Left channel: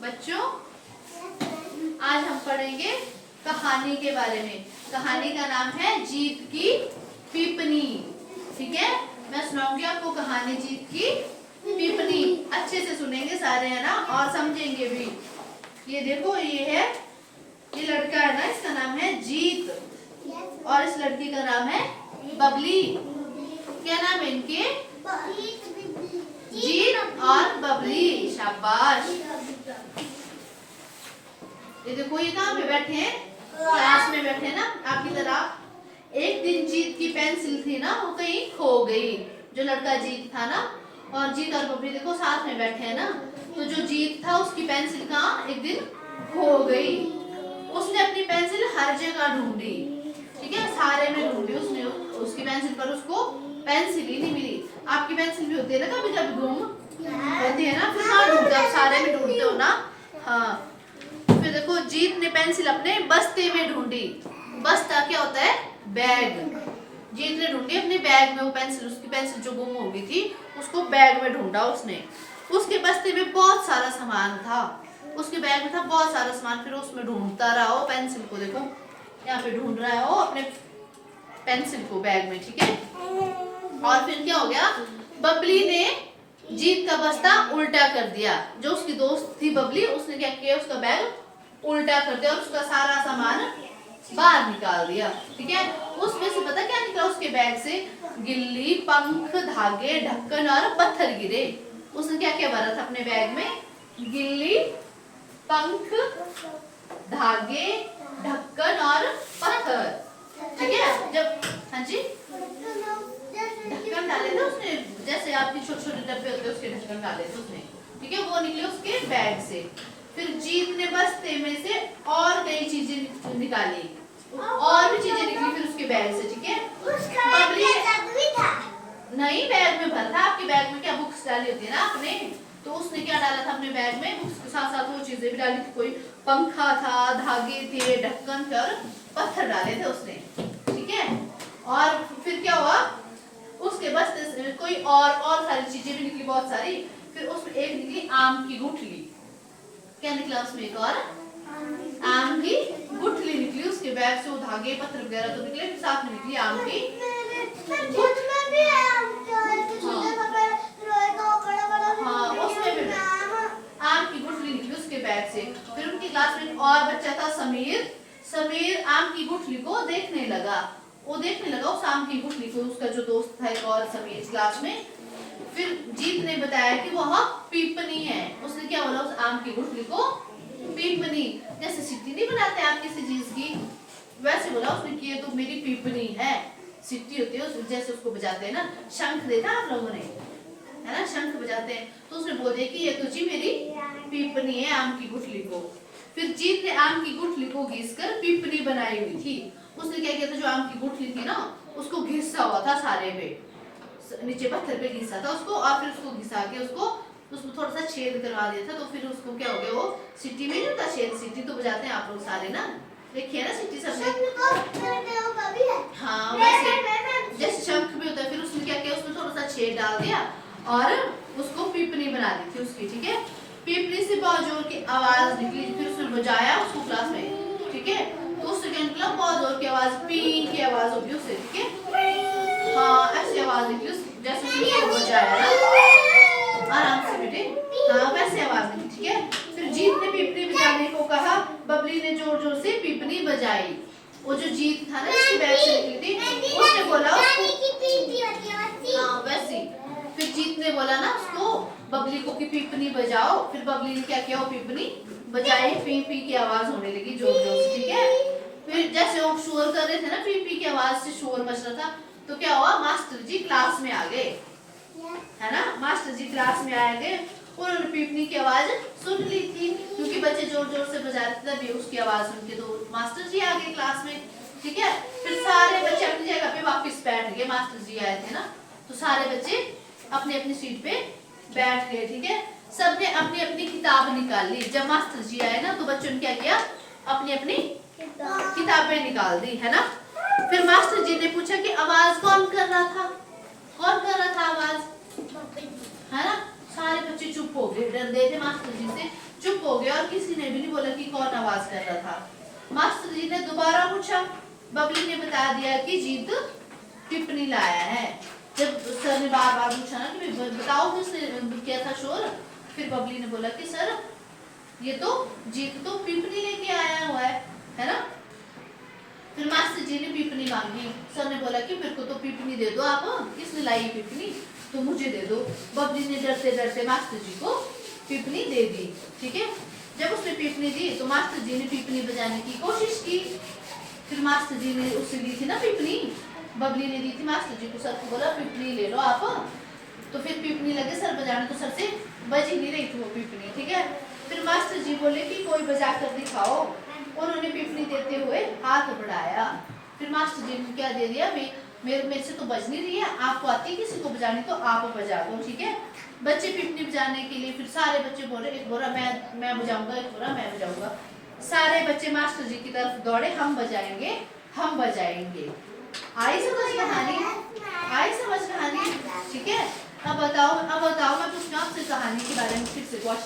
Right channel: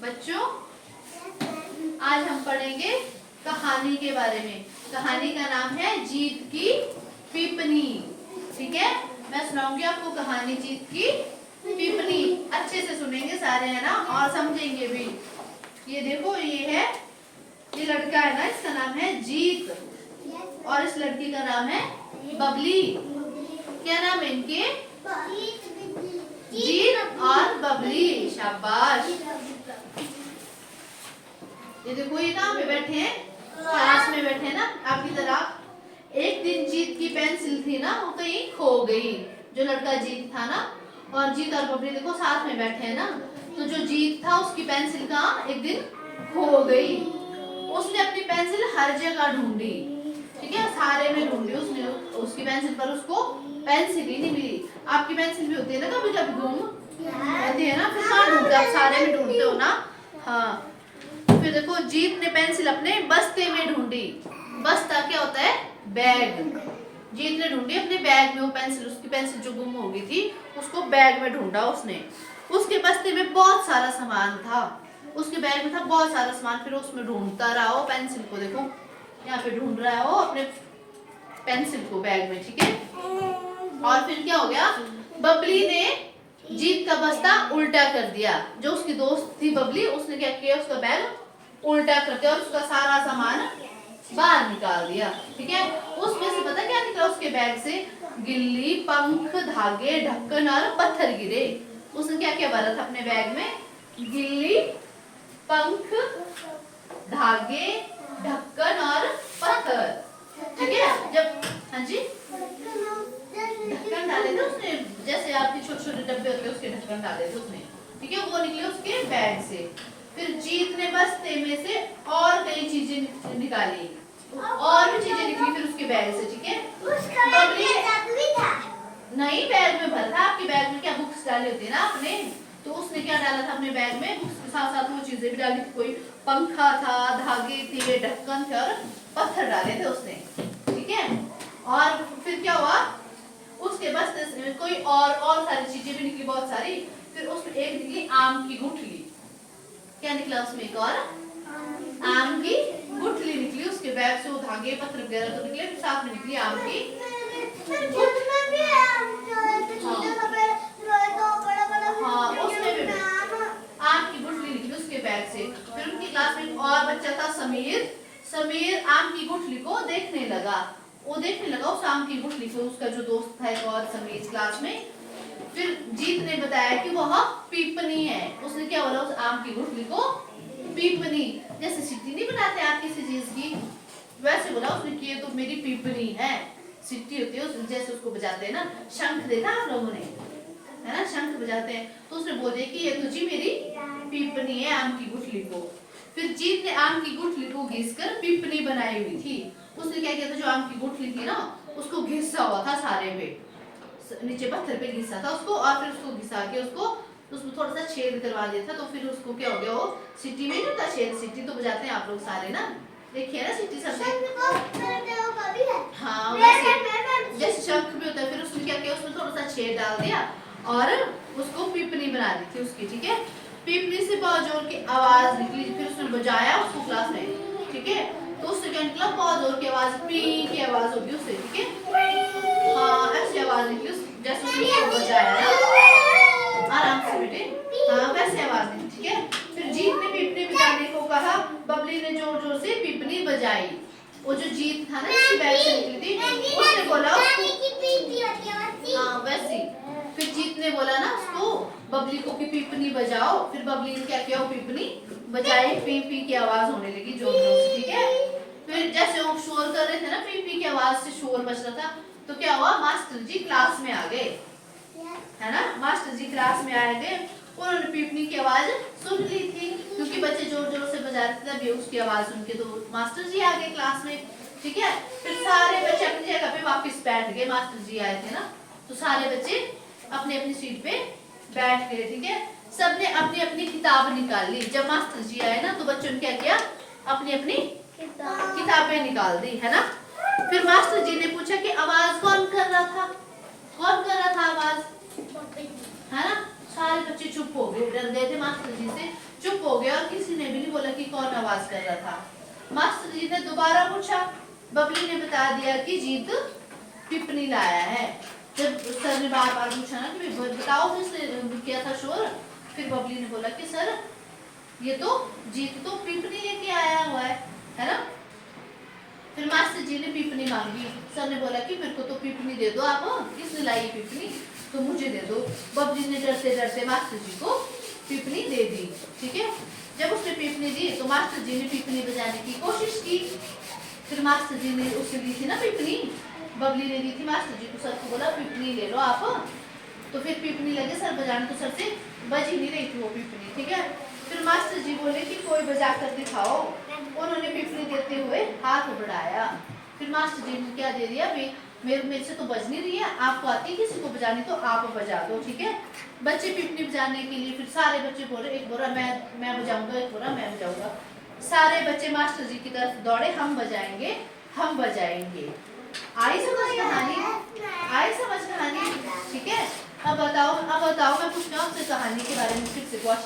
बच्चों आज हम पढ़ेंगे कहानी के बारे में। कहानी का नाम है जीत की पीपनी। ठीक है, मैं सुनाऊंगी आपको कहानी जीत की पीपनी। अच्छे से सुनेंगे सारे, है ना, और समझेंगे भी। ये देखो, ये लड़का है ना, इसका नाम है जीत और इस लड़की का नाम है बबली। क्या नाम है इनके? जीत और बबली। शाबाश। ये देखो, ये कहाँ पे बैठे हैं? क्लास में बैठे हैं ना, आपकी तरह। एक दिन जीत की पेंसिल थी ना, वो कहीं खो गई। जो लड़का जीत था ना, और जीत और बबली देखो साथ में बैठे हैं ना, तो जो जीत था उसकी पेंसिल कहाँ एक दिन खो गई। उसने अपनी पेंसिल हर जगह ढूंढी, ठीक है, सारे में ढूंढी उसने। उसकी पेंसिल पर उसको पेंसिल ही नहीं मिली। आपकी पेंसिल भी होती है ना, कभी कभी गुम होती है ना, फिर कहाँ ढूंढते, आप सारे में ढूंढते हो ना। हाँ, फिर देखो, जीत ने पेंसिल अपने बस्ते में ढूंढी। बस्ता क्या होता है? बैग। जीत ने ढूंढी अपने बैग में वो पेंसिल, उसकी पेंसिल जो गुम हो गई थी, उसको बैग में ढूंढा उसने। उसके बस्ते में बहुत सारा सामान था, उसके बैग में था बहुत सारा सामान। फिर उसमें ढूंढता रहा वो पेंसिल को। देखो यहाँ पे ढूंढ रहा है वो अपने पेंसिल को बैग में, ठीक है। और फिर क्या हो गया, बबली ने जीत का बस्ता उल्टा कर दिया। जो उसकी दोस्त थी बबली, उसने क्या किया, उसका बैग उल्टा कर दिया और उसका सारा सामान बाहर निकाल दिया, ठीक है। उसमें से पता क्या निकला उसके बैग से? गिल्ली, पंख, धागे, ढक्कन और पत्थर गिरे। उसने क्या क्या भरा था अपने बैग में? गिल्ली, पंख, धागे, ढक्कन और पत्थर, ठीक है। जब हाँ जी, ढक्कन डाले थे उसने, जैसे आपके छोटे छोटे डब्बे होते हैं उसके ढक्कन डाले थे उसने, ठीक है। वो निकले उसके बैग से। फिर जीत ने बस्ते में से और कई चीजें निकाली, और भी चीजें निकली फिर उसके बैग से, ठीक है। बबली नहीं, बैग में भरा था। आपके बैग में क्या बुक्स डाली होती है ना आपने, तो उसने क्या डाला था अपने बैग में? बुक्स के साथ साथ वो चीजें भी डाली थी। कोई पंखा था, धागे थे, ढक्कन थे और पत्थर डाले थे उसने, ठीक है। और फिर क्या हुआ, उसके बस्ते से कोई और सारी चीजें भी निकली, बहुत सारी। फिर उसमें एक निकली आम की गुठली। क्या निकला उसमें? एक और आम की गुठली निकली उसके बैग से। वो धागे पत्थर वगैरह तो निकले, साथ में निकली आम की हाँ, उसमें भी आम की गुठली निकली उसके बैग से। फिर उनकी क्लास में एक और बच्चा था समीर। समीर आम की गुठली को देखने लगा। वो देखने लगा उस आम की गुठली को, उसका जो दोस्त था एक और समीर क्लास में। फिर जीत ने बताया कि वह पीपनी है। उसने क्या बोला उस आम की गुठली को? पीपनी। जैसे सिट्टी नहीं बनाते आप किसी चीज की, वैसे बोला उसने कि ये तो मेरी पीपनी है। सिट्टी होती है जैसे उसको बजाते हैं ना, शंख देखा आप लोगों ने, है ना, शंख बजाते हैं। तो उसने बोल दिया कि ये तो जी मेरी पीपनी है, आम की गुठली को। फिर जीत ने आम की गुठली को घिसकर पीपनी बनाई हुई थी। उसने क्या किया था, जो आम की गुठली थी ना, उसको घिसा हुआ था सारे पे, नीचे पत्थर पे घिसा था उसको, और फिर उसको घिसा के उसको उसमें थोड़ा सा छेद करवा दिया था। तो फिर उसको क्या हो गया, वो सिटी में नहीं होता छेद, सिटी तो बजाते हैं आप लोग सारे ना, देखिए ना सिटी सबने। हाँ, वैसे जैसे शंख में होता है। फिर उसने क्या किया, उसमें थोड़ा सा छेद डाल दिया और उसको पीपनी बना दी थी उसकी, ठीक है। पीपनी से बहुत जोर की आवाज निकली। फिर उसने बजाया उसको क्लास में, ठीक है। तो उससे क्या निकला, बहुत जोर की आवाज, पी की आवाज होगी उससे, ठीक है। हाँ, ऐसी आवाज निकली जैसे उसने बजाया ना, आराम से बेटे, हाँ वैसे आवाज निकली, ठीक है। फिर जीत ने पीपनी बजाने को कहा। बबली ने जोर जोर से पीपनी बजाई। वो जो जीत था ना, जिसके बैग से निकली थी, उसने बोला हाँ वैसी। फिर जीत ने बोला ना उसको, बबली को, कि पीपनी बजाओ। फिर बबली ने क्या किया, वो पीपनी बजाई, पी पी की आवाज होने लगी जोर जोर से, ठीक है। फिर जैसे वो शोर कर रहे थे ना, पी पी की आवाज से शोर मच रहा था, तो क्या हुआ, मास्टर जी क्लास में आ गए, है ना। मास्टर जी क्लास में आ गए, उन्होंने पीपनी की आवाज सुन ली थी, क्योंकि बच्चे जोर जोर से बजा रहे थे, तभी उसकी आवाज सुन के तो मास्टर जी आ गए क्लास में, ठीक है। फिर सारे बच्चे अपनी जगह पे वापस बैठ गए। मास्टर जी आए थे ना, तो सारे बच्चे अपनी अपनी सीट पे बैठ गए, ठीक है। सबने अपनी अपनी किताब निकाल ली। जब मास्टर जी आए ना, तो बच्चों ने क्या किया, अपनी अपनी किताबें निकाल दी, है ना। फिर मास्टर जी ने पूछा कि आवाज कौन कर रहा था, कौन कर रहा था आवाज, है ना। सारे बच्चे चुप हो गए, डर गए थे मास्टर जी से, चुप हो गया और किसी ने भी नहीं बोला कि कौन आवाज कर रहा था। मास्टर जी ने दोबारा पूछा, बबली ने बता दिया कि जीत पिपनी लाया है। जब सर ने बार बार पूछा ना कि बताओ किसने किया था शोर, फिर बबली ने बोला कि सर ये तो जीत तो पिपनी लेके आया हुआ है ना। फिर मास्टर जी ने पिपनी मांगी, सर ने बोला कि मेरे को तो पिपनी दे दो आप, किसने लाई पिपनी तो मुझे दे दो। बबली ने डरते डरते मास्टर जी को पिपनी दे दी। ठीक है, जब उसने पिपनी दी तो मास्टर जी ने पिपनी बजाने की कोशिश की। फिर मास्टर जी ने उससे ली थी ना पिपनी, बबली ने दी थी मास्टर जी को, सर को बोला पिपनी ले लो आप। तो फिर पिपनी लगे सर बजाने, तो सर से बज ही नहीं रही थी वो पिपनी। ठीक है, फिर मास्टर जी बोले कि कोई बजा कर दिखाओ। उन्होंने पिपनी देते हुए हाथ बढ़ाया। फिर मास्टर जी ने क्या दे दिया, मेरे से तो बज नहीं रही है, आपको आती है किसी को बजानी तो आप बजा दो। ठीक है, बच्चे पिपनी बजाने के लिए फिर सारे बच्चे बोले, एक बोला मैं बजाऊंगा, एक बोला मैं बजाऊंगा। सारे बच्चे मास्टर जी की तरफ दौड़े, हम बजाएंगे हम बजाएंगे। आई समझ कहानी, आई समझ कहानी। ठीक है, अब बताओ मैं पूछना आपसे कहानी के बारे में फिर से क्वेश्चन।